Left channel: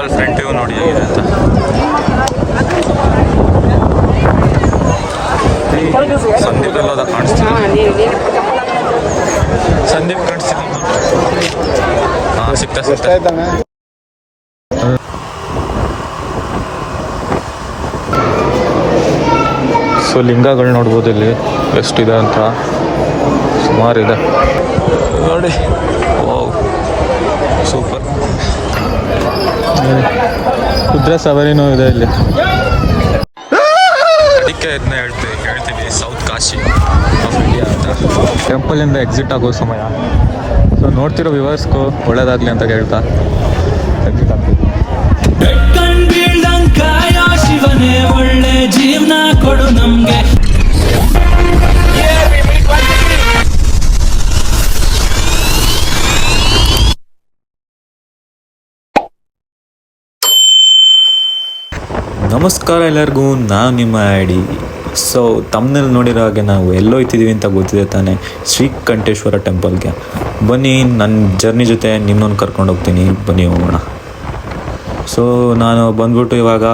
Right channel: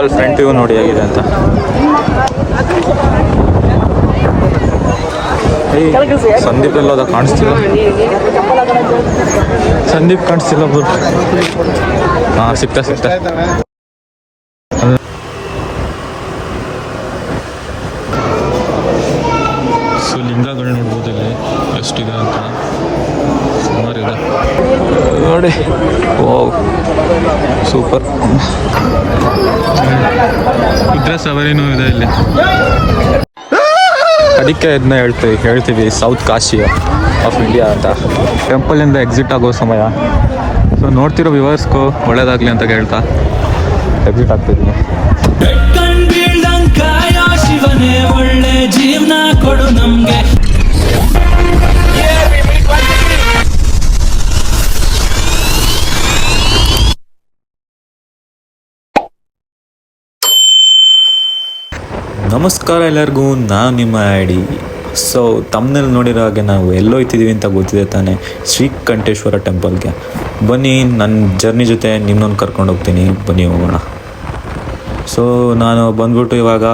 Temple front view ನೋಡಿ ಆಗಿದೆ ಅಂತ. ಸಂದೀಪ್ ಸಂದೀಪ್ ಎಲ್ಲೋದ ಕಾಣಿಸ್ತಿಲ್ಲ. ಸಂದೀಪ್ ಕಾಣಿಸ್ತಿಲ್ಲ ಬ್ರೋ. ಹಾಂ, ಸಿಗ್ತಾ ಸಿಗ್ತಾ. ಸೊ, ಲಿಂಗಗಳು ನೋಡ್ಬೋದು ಇಲ್ಲಿ. ಎಷ್ಟಿದೆ ಅಂತ. ಸುಮಾರಿದೆ ನೋಡಿ. ಓ ಸೂಪರ್. ಕುದುರೆ ಸವಾರಿನೂ ಇದೆ ಇಲ್ಲಿ. ಅದಕ್ಕೆ ಇದನ್ನ ಹೇಳ್ತೀವಿ ಹೇಳ್ತೀವಿ ಸೌತ್ ಕಾಶಿ ಆಫ್ ಇಂಡಿಯಾ ಅಂತ. ಟೆಂಪಲಿಂದ ಎಕ್ಸಿಟ್ ಆಗೋ ಸಮಯ. ಸೊ ನೋಡ್ತಿರೋ ವಿವರ್ಸ್ಗೂ ಒಳ್ಳೇದಾಗಲಿ ಅಂತ ಹೇಳ್ತಾ ಎಕ್ಸಿಟ್ ಆಗ್ತಿದ್ದೀನಿ. ಒಳ್ಳೆ ಜೀವನ ಕೊಡು ನಮ್ಗೆ. ನಮಸ್ಕಾರ ಎಲ್ಲರಿಗೂ, ನಾನು ನಿಮ್ಮ ಐಡಿ ಸೊ ತಮ್ಮನಲ್ಲಿ ನೋಡಿರೋ ಹಾಗೆ ನಾವು ಎಲ್ಲೋಯ್ತಿದ್ದೀವಿ ಅಂತ ಗೊತ್ತಿದೆ ತಾನೆ, ಶ್ರೀಕಂಠೇಶ್ವರ ಟೆಂಪಲ್ಗೆ. ಬನ್ನಿ ನನ್ನ ಜರ್ನಿ ಜೊತೆ ನಿಮ್ಮನ್ನು ಕರ್ಕೊಂಡು ಹೋಗ್ತೀನಿ. ಬನ್ನಿ ಹೋಗೋಣ. ಸೊ ನಾನು ಬಂದ್ಬಿಟ್ಟು ಇವಾಗ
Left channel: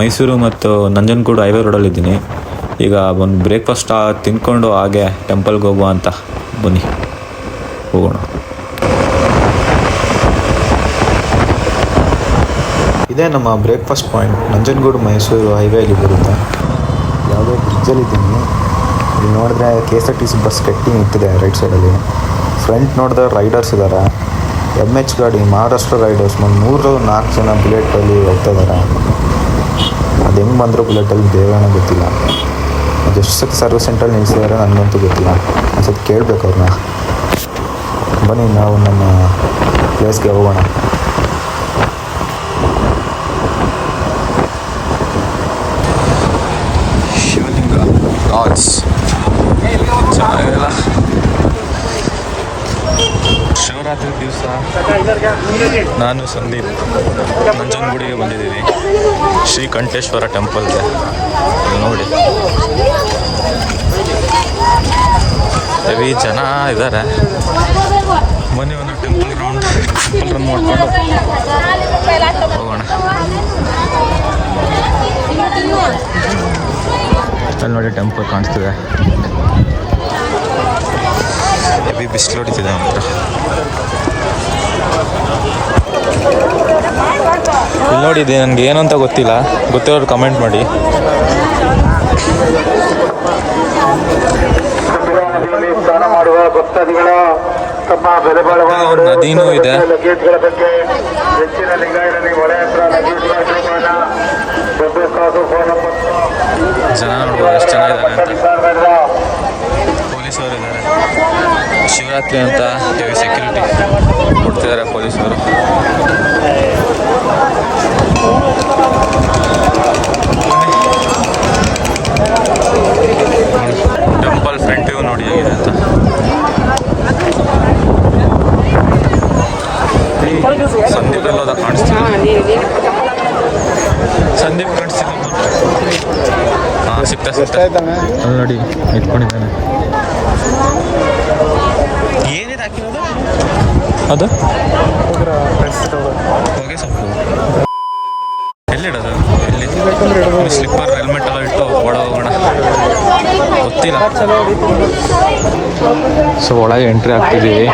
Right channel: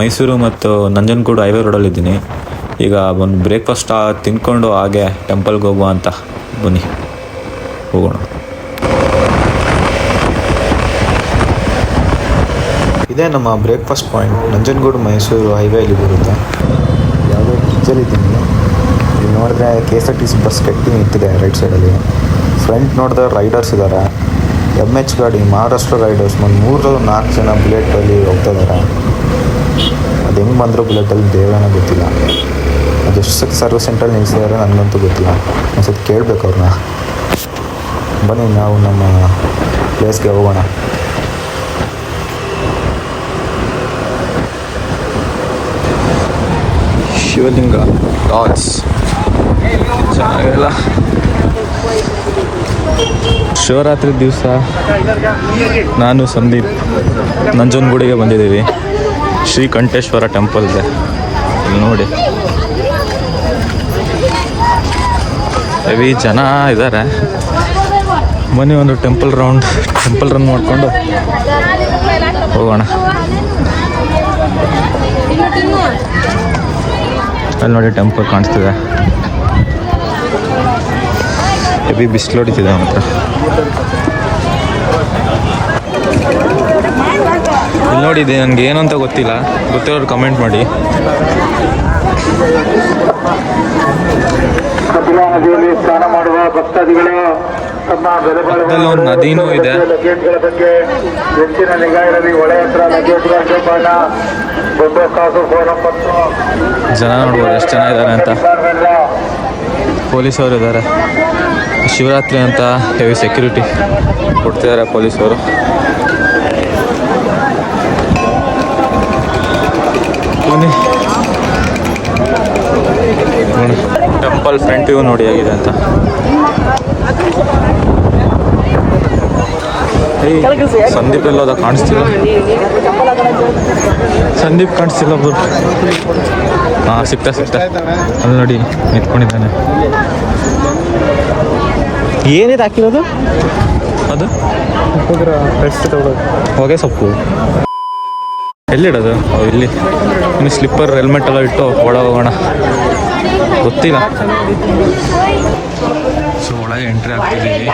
ಮೈಸೂರು ಮತ್ತು ನಂಜನಗೂಡು ಹೈವೇ ರೋಡಲ್ಲಿದ್ದೀನಿ ಈಗ ಒಂದು ಬ್ರೇಕ್ಫಾಸ್ಟ್ ತಿನ್ಕೊಂಡು ಹಾಗೆ ಟೆಂಪಲ್ಗೆ ಹೋಗುವ ಅಂತ. ಬನ್ನಿ, ಹೋಗೋಣ. ಇದೇ ನಮ್ಮ ಬ್ರೇಕ್ಫಾಸ್ಟ್ ಪಾಯಿಂಟ್ ನಂಜನಗೂಡು, ಮೈಸೂರು ಹೈವೇಲಿ ಬರುತ್ತೆ. ಯಾವುದೋ ಬ್ರಿಡ್ಜಲ್ಲಿದ್ದೀನಿ ಇಲ್ಲಿ ನೋಡಿದ್ರೆ K S R T C bus ಕಟ್ಟಿ ನಿಂತಿದೆ ರೈಟ್ ಸೈಡಲ್ಲಿ ಫ್ರಂಟ್ ನೋಡಿದ್ರೆ ರೈಡರ್ಸ್ ಇದ್ದಾರೆ ಎಂ ಎಚ್ ಗಾಡಿ ಮಹಾರಾಷ್ಟ್ರ ರೈಡರ್ಸ್ ಒಂದು ಮೂರು, ನಾಲ್ಕು ಜನ ಬುಲೆಟಲ್ಲಿ ಹೋಗ್ತಾ ಇದ್ದಾರೆ ಅದು ಹೆಂಗೆ ಬಂದರೂ ಬುಲೆಟಲ್ಲಿ ದೇವೇನೋ ಗೊತ್ತಿಲ್ಲ. ಅದೆಷ್ಟು ಸತಿ ಸರ್ವಿಸ್ ಸೆಂಟ್ರಲ್ಲಿ ನಿಲ್ಲಿಸಿದಾರೆ ನನಗಂತೂ ಗೊತ್ತಿಲ್ಲ. ಒಂದು ಸತಿ ಕೇಳಬೇಕು ಅವ್ರನ್ನ ಬನ್ನಿ ನಾವು ನಮ್ಮ ಪ್ಲೇಸ್ಗೆ ಹೋಗೋಣ. ಶಿವಲಿಂಗ. ಗಾಡ್ಸ್ ಚೆನ್ನಾಗಿಲ್ಲ ಶಿವರಾತ್ರಿ ದಿವಸ. ನಾನು ಸಂದೀಪ್. ನಂಜನಗೂಡಿಗೆ ಬಂದಿದ್ದೀವಿ. ಶ್ರೀಕಂಠೇಶ್ವರ ಟೆಂಪಲ್ಗೆ. ಇಲ್ಲಿ ನೋಡಿ. ಹೆವಿ ಜನ ಇದ್ದಾರೆ ಮನೆ ಒಂದು ಟೆಂಪಲ್ ರೌಂಡ್. ಟೆಂಪಲ್ ರನ್ ನೋಡಿಕೊಂಡು ಹೋಗೋಣ. ಅಲ್ಲಿ ನೋಡಿ ಟೆಂಪಲ್ ಕಾಣಿಸ್ತಿದೆ. ಹೆವಿ ಬಿಸಿಲು ಹೊಡಿತಿದೆ ಮಾತ್ರ ಇಲ್ಲಿ ಇದೆ ನನಗೆ ಏನು ಅಂತ ಗೊತ್ತಿಲ್ಲ. ಗೊತ್ತಿರೋರು ಕಮೆಂಟ್ ಮಾಡಿ. ಸ್ನಾನ ಮಾಡುವ ಭಕ್ತಾದಿಗಳ ಪಕ್ಕದಲ್ಲಿ ಒಂದು ನದಿನೂ ಇದೆ. ಹೆಚ್ಚಿನ ಇರಲಿ ಒಳೆ ಹತ್ರ ಲಗೇಜ್ಗಳ ಜೋಪಾನ ಜನ ನೋಡ್ಬೋದು ಎಷ್ಟು ಜನ ಇದ್ದಾರೆ ಅಂತ. ಪೊಲೀಸವರು ಇದ್ದಾರೆ. ಶಿವರಾತ್ರಿ ಅಂತ ಹೆವಿ ಸೆಕ್ಯೂರಿಟಿ ಕೊಡ್ತಿದ್ದಾರೆ ಪೊಲೀಸವರು. ಬನ್ನಿ. ಟೆಂಪಲ್ ಫ್ರಂಟ್ ವ್ಯೂ ನೋಡಿ ಆಗಿದೆ ಅಂತ. ಸಂದೀಪ್ ಎಲ್ಲೋದ ಕಾಣಿಸ್ತಿಲ್ಲ ಸಂದೀಪ್ ಕಾಣಿಸ್ತಿಲ್ಲ ಒಬ್ರು. ಹಾಂ ಸಿಗ್ತಾ ಸಿಗ್ತಾ. ಅಲ್ಲಿ ನೋಡಿ ನಿಂತ್ಕೊಂಡಿದ್ದಾನೆ. ಏನಿದೆ ಹಾಕಿರೋದು? ಅದು? ಹೊಗೆ ಸೊಪ್ಪು. ಎಲ್ಲಿಡೋದು ಇಲ್ಲಿ. ಇನ್ನು ಸ್ಲಿಪ್ಪರ್ ಹೆಲ್ಮೆಟ್ ಎಲ್ಲ ಇಟ್ಟು ಒಳ ಹೋಗೋಣ. ಗೊತ್ತಿಲ್ಲ. ಸೊ ಒಳಗೆ ಎಂಟ್ರಿ ಆಗ್ತಿದ್ದೀವಿ.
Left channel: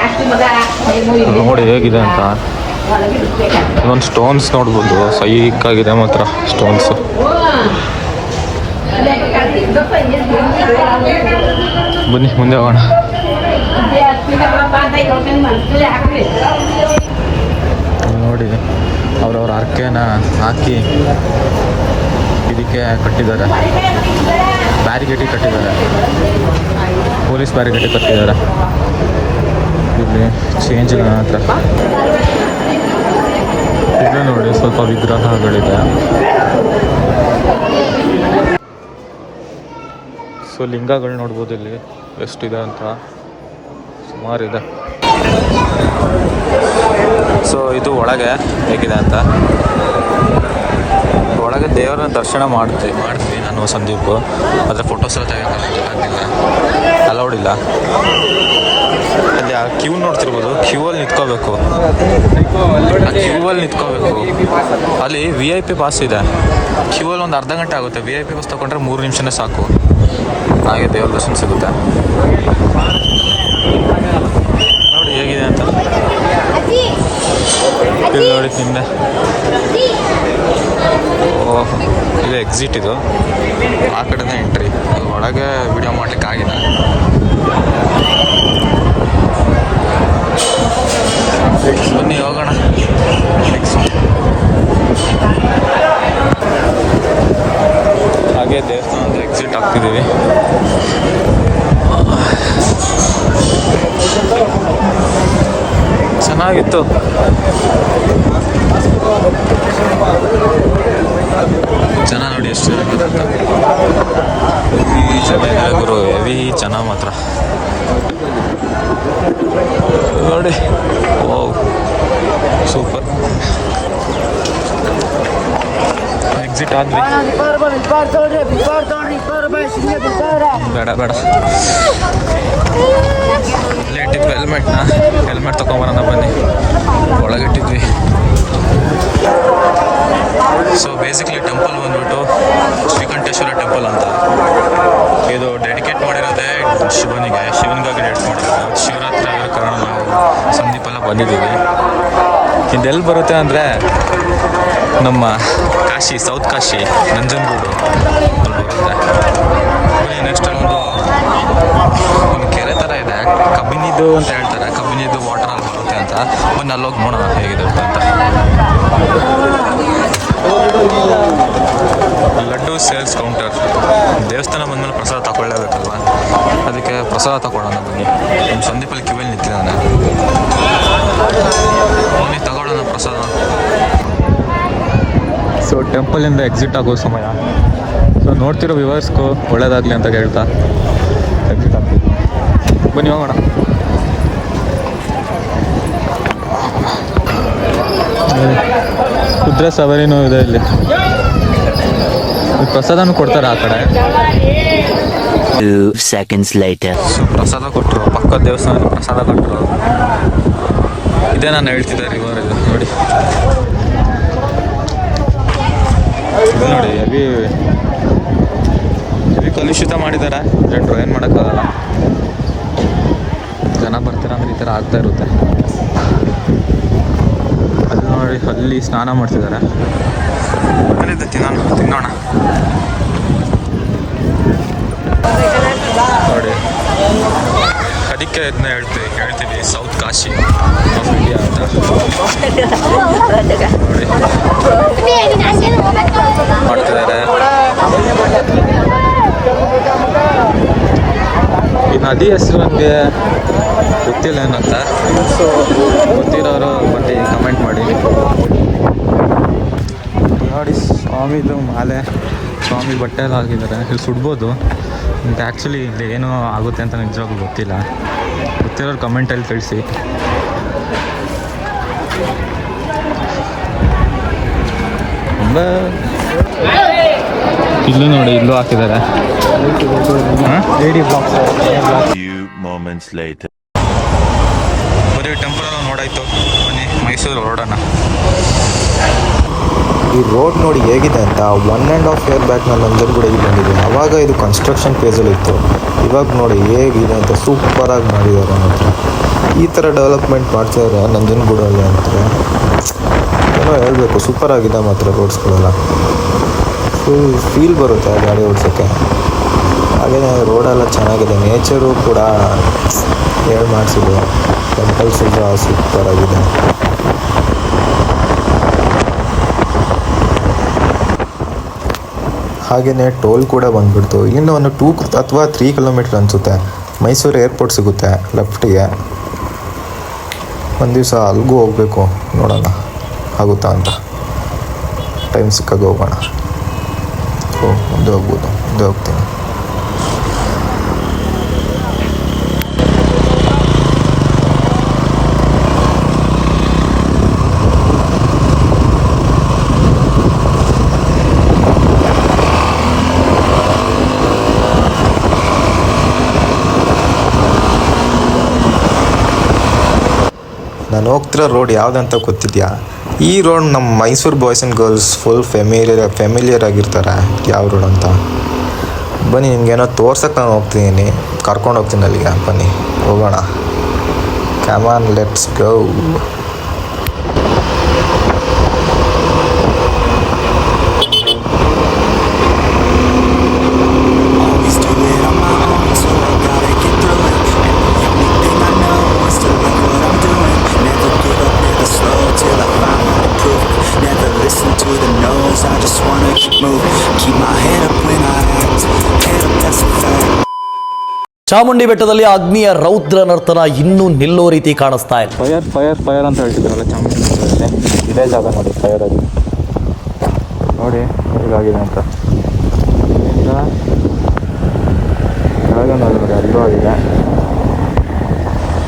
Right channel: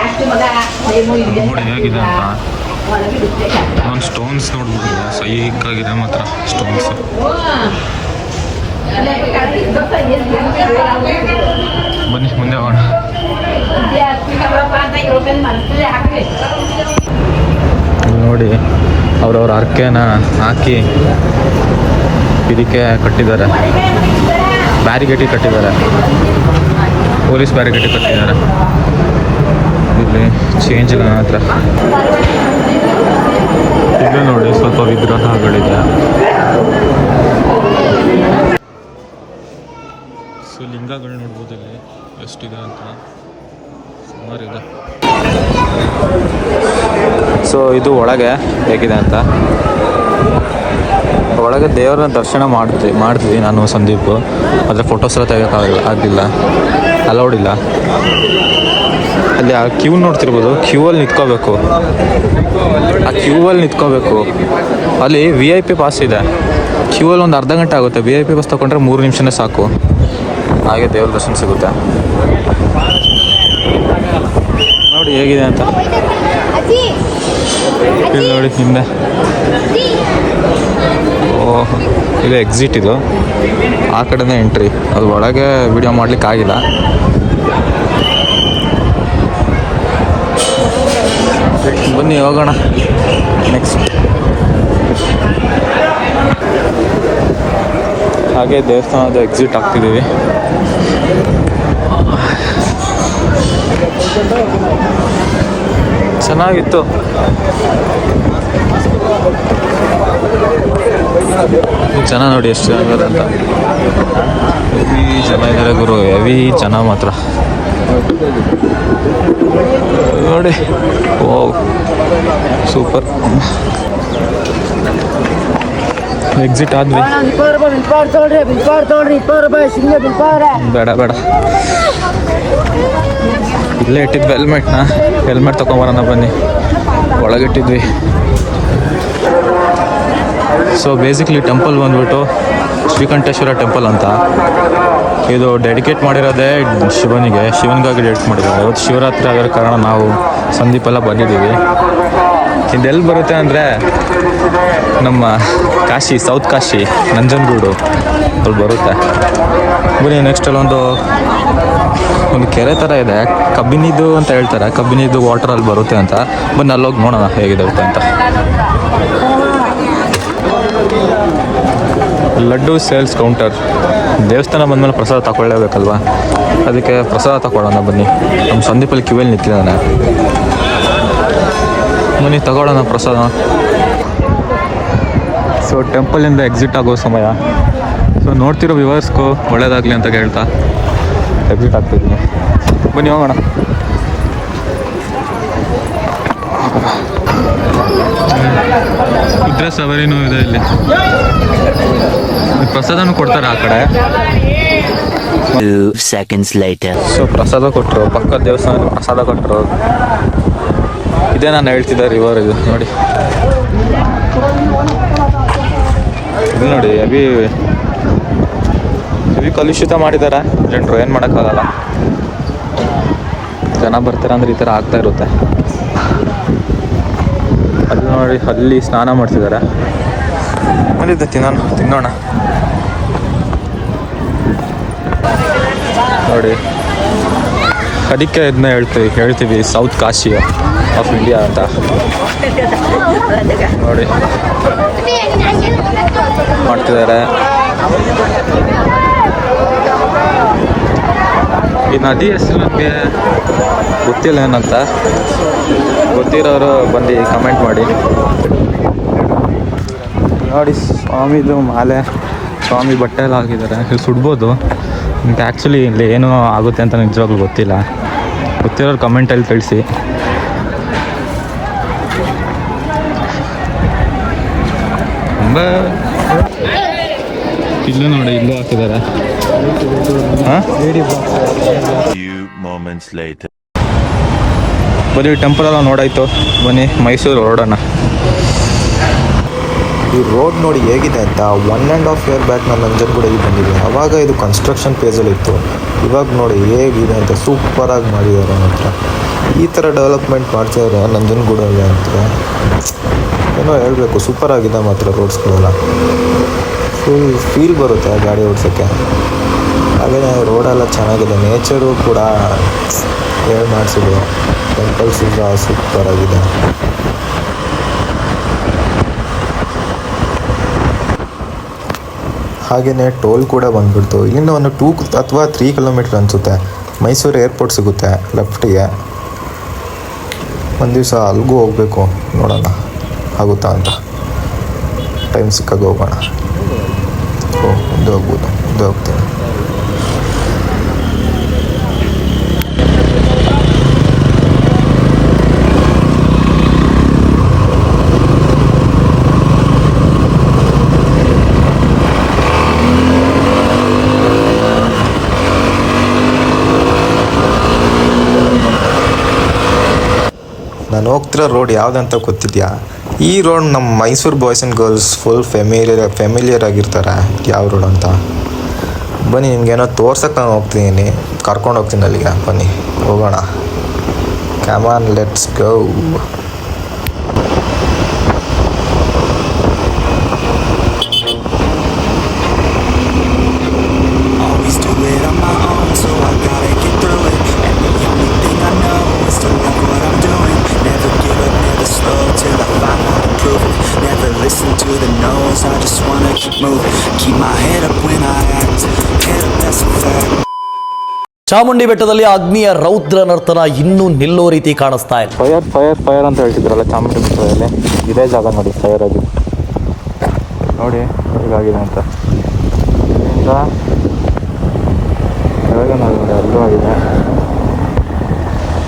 ನೋಡಿ ಹೇಗಿದೆ ಅಂತ. ಒಂದು ಸ್ಟೋನ್ಸ್ ನೋಡ್ಬೋದು. ಸೈಕ್ ಆಗಿದೆ ಮಾತ್ರ ಸ್ಟೋನ್ಸ್ ಬನ್ನಿ, ಮುಂದೆ ಹೋಗೋಣ. ನೋಡಿ, ಅವ್ರವ್ರ ಅರ್ಕೆನ ಹಾಕಿ ಇದಕ್ಕೆ ಕಟ್ಟಿದ್ದಾರೆ. ಬ್ಯಾರಿಗೇಟಿಗೆ ಕಟ್ಟಿದ್ದಾರೆ. ಪೊಲೀಸ್ ಬ್ಯಾರಿಗೇಟಿಗೆ ಕಟ್ಟಿದ್ದಾರೆ. ಇಲ್ಲಿ ಚೇಂಜ್ ನನ್ನ ಹತ್ರ. ಇಲ್ಲೂ ನೋಡಿ ಸ್ವಲ್ಪ ವಿಗ್ರಹಗಳಿದೆ. ಸೊ ಲಿಂಗಗಳು ನೋಡ್ಬೋದು ಇಲ್ಲಿ. ಎಷ್ಟಿದೆ ಅಂತ? ಸುಮಾರಿದೆ ಸೊ ಇದು ಒಳಗೆ ಹೇಗಿದೆ ಅಂತ? ಒಳಗೆ ದೇವರ ದರ್ಶನ ಮಾಡ್ತೀವಿ ಮಾಡ್ತೀವಿ ನಾನು ಸಂದೀಪ್. ಆದರೆ ಫೋಟೋಸ್ ಎಲ್ಲ ತೆಗಿಯೋಕ್ಕಾಗಲ್ಲ ಆಗಲಿಲ್ಲ. ಅಲೌಡ್ ಇಲ್ಲ. ಅಲ್ಲಿ ಆ ಕ್ಯೂ ನೋಡ್ತಿರ್ಬೋದು. ಕ್ಯೂ ಅಲ್ಲಿ ನಿಂತ್ಕೋಬೇಕು. ಆ ಕ್ಯೂ ಅಲ್ಲಿ ನಿಂತ್ಕೋಬೇಕು. ಅಲ್ಲಿ ವಿ ಐ ಪಿ ಪಾಸ್ ಇದೆ. ಕ್ಯೂ ಅಲ್ಲಿ ಒಂದು ಅರ್ಧ ಗಂಟೆ ಆಗುತ್ತೆ. ವಿ ಐ ಪಿ ಪಾಸ್ ತಗೊಂಡ್ರೆ ಮೂರು ನಿಮಿಷನೇ ಸಾಕು. ಹಾಗೆ ದೇವ್ರ ದರ್ಶನ ಸಿಗುತ್ತೆ. ನೋಡಿ ಹೇಗಿದೆ ಅಂತ. ಇಲ್ಲಿ ನೋಡಿ ಹಿಂದೆ. ಓಹ್, ಇದು ಎಕ್ಸಿಟ್ ಇದು. ಆ ಕಡೆನೇ ಎಂಟ್ರಿ ಅದು ಒಳಗೆ ವಿಡಿಯೋ ಮಾಡ್ಲಿಕ್ಕೆ ಆಗಿಲ್ಲ ಹೋಗೋಣ. ನೆಕ್ಸ್ಟ್ ಹಾಗೆ ದೇವಸ್ಥಾನದ ಎಕ್ಸಿಟ್ ಆಗ್ತಿದ್ದೀವಿ. ಚೆನ್ನಾಗಿತ್ತು. ಜನ ನೋಡಿ ಎಷ್ಟು ಜನ ಇದ್ದಾರೆ ಅಂತ. ಹೆವಿ ಜನ ಇದ್ದಾರೆ ಗುರು, ಹೆವಿ ಜನ ಮಾತ್ರ. ನೋಡಿ. ಓ ಸೂಪರ್. ಎಕ್ಸಿಟ್ ಆದ್ವಿ ಬೇಡ ಬೇಡ. ಇಲ್ಲೇ ಇಟ್ಟಿದ್ವಿ ಹೆಲ್ಮೆಟ್ನ ಹೆಲ್ಮೆಟ್ ತೊಗೊಂಬರೋಣ ಬನ್ನಿ. ಒಳಗಿಟ್ಟಿದ್ವಿ. ಸೊ ಬೇಸಿಕ್ಲಿ ಟೆಂಪಲ್ ಬಂದ್ಬಿಟ್ಟು ಶ್ರೀಕಂಠೇಶ್ವರ ಟೆಂಪಲ್ ಅಂತ. ಡೆಡಿಕೇಟ್ ಮಾಡಿರೋದೇ ಶಿವನಿಗೆ. ಶಿವನಿಗಾಗಿ ಡೆಡಿಕೇಟ್ ಮಾಡಿರೋದು. ಇವತ್ತು ಶಿವರಾತ್ರಿ ಆಗಿರೋ ಕಾರಣ ನಾವು ಸಂದೀಪ್ ಎಲ್ಲ ಬಂದಿದ್ದೀವಿ. ಇದೆಲ್ಲಿ ಬರುತ್ತೆ ಅಂದರೆ ನಮ್ಮ ಕಾಶಿ, ಸೌತ್ ಕಾಶಿ, ನಂಜನಗೂಡು ಅಲ್ಲಿ ಬರುತ್ತೆ. ಬನ್ನಿ ನೆಕ್ಸ್ಟ್ ಅಲ್ಲೊಂದು ಒಂದು ಕೆರೆ ಥರ ಇದೆ. ಕಬ್ಬಿನಿದು ಅಂತ ಹೇಳ್ತಾರೆ. ಕಬ್ಬಿನಿದು ವಾಟರಲ್ಲಿ ಬರುತ್ತೆ ಅಂತ. ಬನ್ನಿ, ಅಲ್ಲೋಗಿ ನೋಡೋಣ ಹೇಗಿದೆ ಅಂತ. Laddu sales counter. ದೇವಸ್ಥಾನ ಬಂದಮೇಲೆ ಪ್ರಸಾದ ತಗೊಳ್ಳೇಬೇಕಲ್ವಾ? ಅದಕ್ಕೆ ಪ್ರಸಾದ ತಗೊಳ್ಳೋಣ ಬನ್ನಿ. ಸಂದೀಪಲ್ಲಿ ಕಿವಿಯಲ್ಲಿ ನಾನು ಬನ್ನಿ, ತಗೊಳ್ಳೋಣ ಪ್ರಸಾದ. ಸೊ ಟೆಂಪಲಿಂದ ಎಕ್ಸಿಟ್ ಆಗೋ ಸಮಯ. ಸೊ ನೋಡ್ತಿರೋ ವ್ಯೂವರ್ಸ್ಗೂ ಒಳ್ಳೇದಾಗಲಿ ಅಂತ ಹೇಳ್ತಾ ಎಕ್ಸಿಟ್ ಆಗ್ತಿದ್ದೀನಿ ಬನ್ನಿ, ಹೋಗೋಣ. ಕುದುರೆ ಸವಾರಿನೂ ಇದೆ ಇಲ್ಲಿ. ಪ್ರಸಾದನೂ ಕೊಡ್ತಾರೆ ಆ ಕಡೆ. Seconds later. ಸೊ ಪ್ರಸಾದ ಕೊಟ್ಟರು ಪಕ್ಕದ ದೇವಸ್ಥಾನ ಪ್ರಸಾದ ಕೊಟ್ಟರು ಇದೇ ನಾನು ಹೇಳ್ತಿದ್ದೆ ರಿವರ್ ಇದು ನೋಡಿ. ಇದು ನೋಡಿ ಅಭಿ ಅಭಿ ಕಲುಷಿತ ಮಾಡಿದ್ದಾರೆ ಜನರು ಏನು ಮಾಡೋಕ್ಕಾಗಲ್ಲ. ಜನ ಬರ್ತಾರೆ ಅಂದ್ರೆ ಈ ಥರ ಆಗ್ತಾ ಇರುತ್ತೆ. ಅಲ್ಲಿ ನೋಡಿ ಅಲ್ಲಿ ಸ್ನಾನ ಮಾಡ್ತಿದ್ದಾರೆ ಮಾಡಿದ್ದೆ, ತಿನ್ನೋಣ ತಿನ್ನೋಣ. ನೋಡಿ. ಅದಕ್ಕೆ ಇದನ್ನ ಹೇಳ್ತೀವಿ ಹೇಳ್ತೀವಿ ಸೌತ್ ಕಾಶಿ ಆಫ್ ಇಂಡಿಯಾ ಅಂತ. ನೋಡಿ. ಮಾಡ್ತಿದ್ದಾರೆ. ಈ ನದಿ ಹೆಸರು ನನಗೆ ಗೊತ್ತಿಲ್ಲ ಏನಂತ? ಗೊತ್ತಿರೋರು ಬಂದು ಕಮೆಂಟ್ ಮಾಡಿ. ನೋಡಿ ಸ್ವಾಮಿದು ಮಾಲೆ ಸ್ವಾಮಿ ಬಟ್ಟೆ ಎಲ್ಲ ಹಾಕಿದ್ದಾರೆ. ಇಲ್ಲಿ ಸುಡ್ಬೋದು. ಮತ್ತು ಆ್ಯಕ್ಚುಲಿ ಇಲ್ಲಿ ಏನು ಆಗುತ್ತೆ ಅಂತ ನಿಜವಾಗ್ಲೂ ಗೊತ್ತಿಲ್ಲ. ಗೊತ್ತಿರೋರು ಕಮೆಂಟಲ್ಲಿ ತಿಳಿಸಿ. ತುಂಬ ಇಲ್ಲೂ ನೋಡಿ ಇಲ್ಲೂ ಹಾಕಿದ್ದಾರೆ. ಬರೀ ಟೆಂಪಲ್ ಎಲ್ಲ ನೋಡಾಯ್ತು. ಬನ್ನಿ ಮೈಸೂರು ಹೊರಡೋಣ ಈ ರೋಡ್ ನೋಡಿ ಹೇಗಿದೆ ಅಂತ one and half year back ನಾನು ನಂಜನಗೂಡಿಗೆ ಬಂದಿದ್ದೆ ಆವಾಗ ಇದು ಕನ್ಸ್ಟ್ರಕ್ಷನ್ ಫೇಸಲ್ಲಿ ಇತ್ತು. ಇವಾಗ ನೋಡಿ ಹೇಗಿದೆ ಅಂತ ಸೂಪರಾಗಿ ಮಾಡಿದ್ದಾರೆ ಮಾತ್ರ ಈ ಥರ ಡೆವಲಪ್ಮೆಂಟ್ ಮಾಡ್ತಿದ್ದಾರೆ ನಂಜನಗೂಡಲ್ಲಿ ಅಂತ. ಏನೋ ಹೇಳಬೇಕು ಸೂಪರ್ ಆಗಿದೆ ಮಾತ್ರ ರೋಡ್ಸ್ಗಳೆಲ್ಲ ಫುಲ್ ಫೀಲ್ ಬರುತ್ತೆ ಗಾಡಿ ಓಡಿಸೋಕ್ಕೆ. ಹಾಗೆಯೇ ರೋಡೆಲ್ಲ ಚೆನ್ನಾಗಿದೆ. ನೇಚರು ಕೂಡ ಹೇಳಿ ಮಾಡಿಸಿದ್ರು. ಟೆಂಪಲ್ಸ್ ಸೂಪರ್ ಹಾಗೆಯೇ ಟೋಲ್ ಕೂಡ ಬಂದ್ಬಿಡ್ತು. ಇಲ್ಲಿಂದ ಒಂದು ಟೂ ಅಥವಾ ತ್ರೀ ಕಿಲೋಮೀಟ್ರ್ ಅನಿಸುತ್ತೆ. ಮೈಸೂರು ಏರ್ಪೋರ್ಟ್ ಸಿಗುತ್ತೆ ಲೆಫ್ಟಿಗೆ. ಒಂದು ದಿವಸ ಅಲ್ಲಿಗೂ ಹೋಗಬೇಕು. ನೋಡೋಣ ಆಗುತ್ತಾ ಅಂತ. ಟೈಮ್ ಸಿಕ್ಕಾಗ ಹೋಗೋಣ. ಓ, ಮುಂದೆ ಹೋಗ್ಬೋದು. ಮುಂದೆ ಹೋಗ್ತೀನಿ. ನಾನು ಹೋಗ್ತಿರೋ ರೋಡ್ ಯಾವುದಂತ ಗೊತ್ತಿದ್ಯಾ? ಈ ರೋಡ್ ನಮ್ಮ Mysuru boys and girls full familiar familiar ಆಗಿರ್ತಾರೆ. ಯಾವ ರೋಡ್ ಅಂತ? ಬನ್ನಿ, ನಿಮ್ಗೇನೋ ತೋರ್ಸಕ್ಕೆ ನಾನು ಹೋಗ್ತಿದ್ದೀನಿ. ಕರ್ಕೊಂಡು ಹೋಗ್ತೀನಿ ಅಲ್ಲಿಗೆ. ಬನ್ನಿ, ಹೋಗೋಣ. Come on let's go listen to the no's, I just wanna keep moving. Keep my head up when I act, head up, that's a fact. Chamundi ಬೆಟ್ಟದಲ್ಲಿ ಅಗ್ನಿಯ ರೌದ್ರ ನರ್ತನ ಇನ್ನೂ ನಿಲ್ಲೋ ರೀತಿ ಕಾಣಿಸ್ತಾ ಇದೆ. ಫೈರ್ ಫೈರ್ ಫೈರ್ ಅಂತ ಹೇಳ್ತಿದ್ರಲ್ಲ ಚಾಮುಂಡಿ ಬೆಟ್ಟದಲ್ಲಿ. ಇದೇ ಜಾಗ ನೋಡಿ ಫೈರ್ ಆಗಿ ನೋಡಿ ಹೇಗಾಗಿದೆ ಅಂತ. ಇಲ್ಲಿಂದ ಕೆಳಗೆ ನೋಡಿ ಅಲ್ಲೂ ಆಗಿದೆ.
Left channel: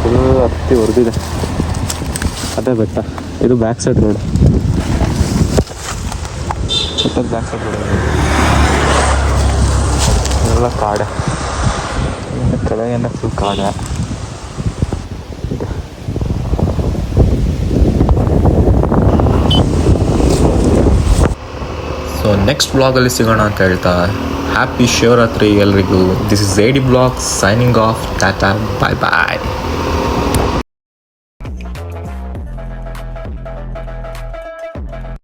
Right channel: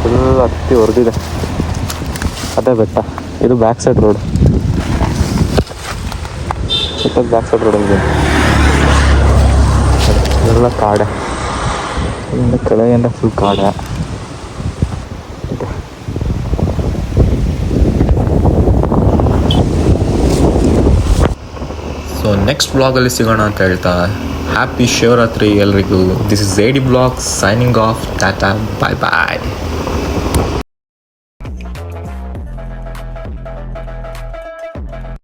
ಫುಲ್ ಹತ್ತಿ ಹೊಡೆದಿದೆ ಅದೇ ಬೆಟ್ಟ. ಇದು ಬ್ಯಾಕ್ ಸೈಡ್ ರೋಡ್ ಬೆಟ್ಟದ ಬ್ಯಾಕ್ ಸೈಡ್ ರೋಡಲ್ಲಿ ಇದೆಲ್ಲ ಕಾಡೆ. ಇಲ್ಲಿಂದ ಕೆಳಗಿಂದ ಫುಲ್ ಕಾಡೆ. ಸೊ ನೆಕ್ಸ್ಟ್ ಬ್ಲಾಗಲ್ಲಿ ಸಿಗೋಣ ಅಂತ ಹೇಳ್ತಾ ಹ್ಯಾಪಿ ಶಿವರಾತ್ರಿ ಎಲ್ರಿಗೂ. This is A D blog signing off tata bye bye